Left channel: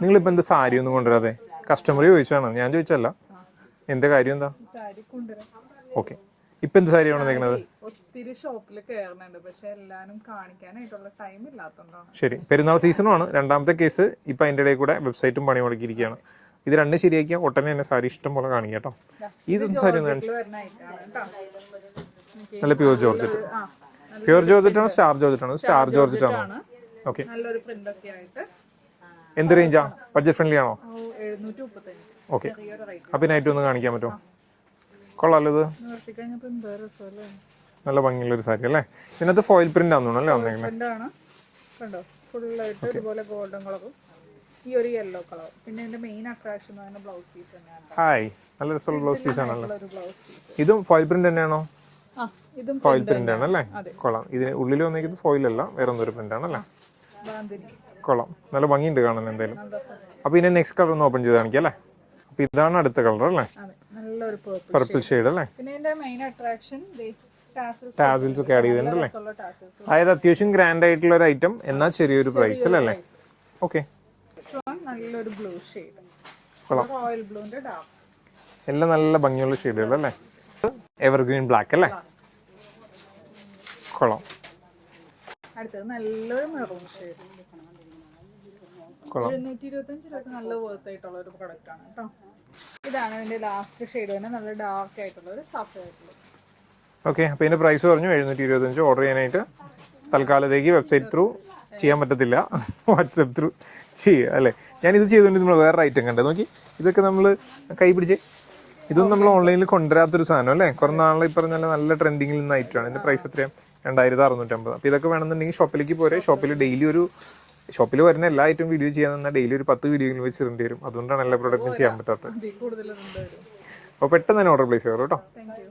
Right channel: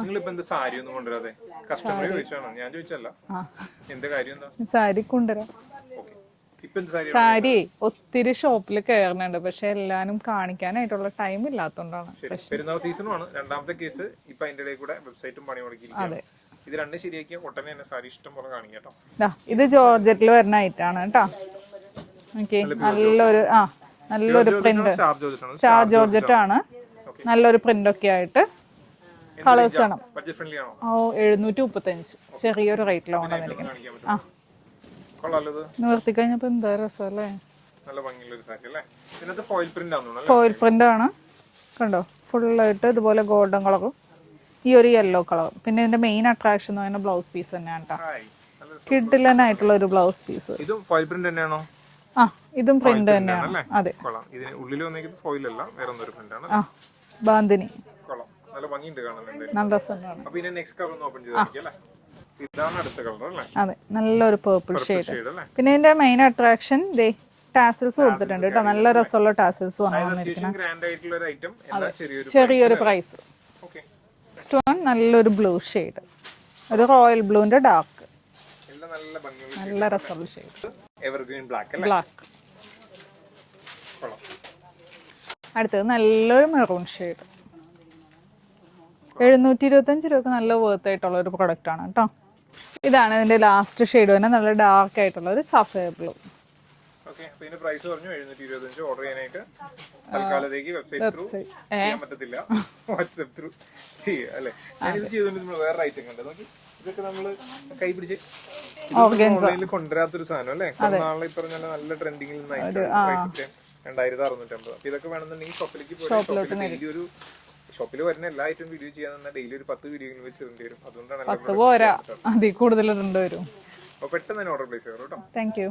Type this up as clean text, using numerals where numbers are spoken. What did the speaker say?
നിങ്ങളിപ്പോ എന്താ സാരി ഒന്നും കൊണ്ടുവരാതെ? കസ്റ്റമർ ചോദിച്ചാണ്, ഞാൻ ചോദിച്ചല്ല. എന്താ കാര്യം എന്താ? സാരി കൊണ്ടുവരാം. ഓക്കെ, ഇപ്പൊ എന്ത് സാരിയാണ്? സാരി ഒത്തിരി ഷോപ്പിൽ കയറുന്നുണ്ട്, പക്ഷെ എല്ലാരും കാണിക്കാനായിട്ടുള്ള ടൈം ഇല്ലാത്തതുകൊണ്ടാണ്. ശരി, പെരുന്നാൾ സീസണുമാണ്. രണ്ടാമത്തെ കേസ് ഇപ്പൊ അതിന്റെ ഇടയിൽ കൂടെ വെബ്സൈറ്റും പണി മുടക്കിയിരിക്കുകയാണ്. ഇത് രണ്ടും ശരിയാക്കിയാൽ ഒട്ടനെ തന്നെ സാരി ഇഷ്ടം പോലെ കാണിക്കാം കേട്ടോ. ഇത് ജോർജറ്റിൽ വരുന്ന ഐറ്റാണ് കേട്ടോ. സ്റ്റാർ ജോർജറ്റ് ആണ്. നല്ലൊരു പ്രിന്റ് ഒക്കെ ആയിട്ട്. എന്ത് റേഞ്ചാണ്? ബഡ്ജറ്റ് ഫ്രണ്ട്ലി ആണോ? 735, ചെറിയൊരു റേറ്റിൽ ഒന്ന് കാണിക്കാൻ പറ്റുമോ? കൊള്ളാലോ, ഇത് നിവർത്തി കഴിഞ്ഞപ്പോ എന്താ രസമല്ലേ. നല്ല ഭംഗിയുള്ള ഒരു സാരി അല്ലേ. ഇതിനകത്ത് ഫോയിൽ പ്രിന്റ് ആണെന്ന് ഫോയിൽ പ്രിന്റ് ആണ്, കണ്ടോ? ഫുള്ളായിട്ട് ഇതുപോലെ ഗോൾഡൻ കളറും ഈ ഒരു യെല്ലോ കളറും. പിന്നെ ഇതിന്റെ മെയിൻ അട്രാക്ഷൻ എന്ന് പറയുന്നത് ബ്ലൗസ് പീസ് തന്നെയാണ്. കിഡിലനായിട്ടുള്ള ഒരു ബ്ലൗസ് പീസ്. ഇതും ഫോയിൽ പ്രിന്റ് തന്നെയാണോ? ആ, ഇതും പ്രിന്റ് തന്നെയാണ്. അതെ, കൊള്ളാം. ഇതിന് ഉള്ളിൽ വന്നിരിക്കുന്നത് ഫോയിൽ അല്ല, വേറെ എന്തൊരു പ്രിന്റ് ആണ്. ബാന്തിനി കൊള്ളാം, നല്ല ഭംഗിയുണ്ട് കാണാൻ. എന്തായാലും നല്ല രസമാണ്. അപ്പൊ ഇതിന്റെ നെക്സ്റ്റ് കളർ ഒന്ന് ഓപ്പൺ ചെയ്ത് കാണിക്കാം അല്ലേ. അപ്പൊ ഇതാണ് അടുത്ത കളർ അല്ലേ? അതെ, നല്ലൊരു പേർപ്പിൾ ഷെയ്ഡ് അല്ലേ. പിന്നെ ഇതിന്റെ മെയിൻ അട്രാക്ഷൻ ടാസിൽസ് കൊടുത്തിട്ടുണ്ട്. നല്ല രസമുള്ള ടാസിൽസ്. അതായത് അത്യാവശ്യം ഗ്രാൻഡ് ആയിട്ടുള്ള ഒരു ഐറ്റം, എന്നാൽ ചെറിയൊരു പ്രൈസ്. ഓക്കെ, സ്റ്റോൺ നല്ലൊരു ബ്ലൂ ഷെയ്ഡ്, ഒരു റോയൽ ബ്ലൂന്റെ ഡാർക്ക്. എല്ലാം നല്ല ഭംഗിയുള്ള ഷെയ്ഡുകൾ അല്ലേ. എവർഗ്രീൻ ബ്ലാക്ക് അല്ലേ. കൊള്ളാം. അടുത്തത് നല്ലൊരു മെറൂൺ ഷെയ്ഡ്. 725 രൂപക്ക് നല്ല വർത്ത് ആയിട്ടുള്ള ഒരു പ്രൊഡക്റ്റ് ആണ് കേട്ടോ. ഇതാണ് ഇതിന്റെ ലാസ്റ്റ് ഷെയ്ഡ് തന്നെ, നല്ല ഡാർക്ക് ആയിട്ടുള്ള ഒരു സഫയർ ബ്ലൂ. ഓക്കെ, അപ്പൊ ഇതിന്റെ പ്രൈസ് പറഞ്ഞു 725. ഓർഡർ ചെയ്യാനായിട്ട് തൽക്കാലത്തേക്ക് വെബ്സൈറ്റ് ത്രൂ ചെയ്യാൻ പറ്റത്തില്ല, വാട്സ്ആപ്പ് ത്രൂ ചെയ്യുക അല്ലേ. ഞാൻ ഇത് ചെയ്തുകൊണ്ട് നമ്മൾ വേറെ ഐറ്റം കണ്ടത് നോക്കി. ഇതൊക്കെ നമ്മൾ കൈ പിടിച്ച്, ഇതൊന്നും നമ്മൾ ഓൺലൈനിൽ കൊണ്ടുവരാത്തൊരു സാധനം അല്ലേ. കുറെ നാളെ ഈ പറഞ്ഞ നല്ല ട്രെൻഡിങ്ങിൽ നിന്ന് ഐറ്റമാണ്. പ്രൈസ് എത്രയാണ്? 2650. അപ്പൊ ഇതൊക്കെ വേണമെന്നുണ്ടെങ്കിൽ ഷോപ്പിലേക്ക് പോരെ. ഷോപ്പിൽ ഡെയിലി ഷോപ്പിൽ വരുന്ന എല്ലാ ഐറ്റം വീഡിയോ ചെയ്യാൻ തന്നാൽ ഡെയിലി ഒരു 10 വീഡിയോയിൽ വെച്ചിടേണ്ടി വരും. അതുകൊണ്ടാണ് എല്ലാ പ്രൊഡക്റ്റും ചെയ്യാൻ പറ്റാത്തത്. കൂടുതൽ വരും. അപ്പൊ പെട്ടെന്ന് തന്നെ ഓർഡർ പ്ലേസ് ചെയ്യാം കേട്ടോ. Thank you.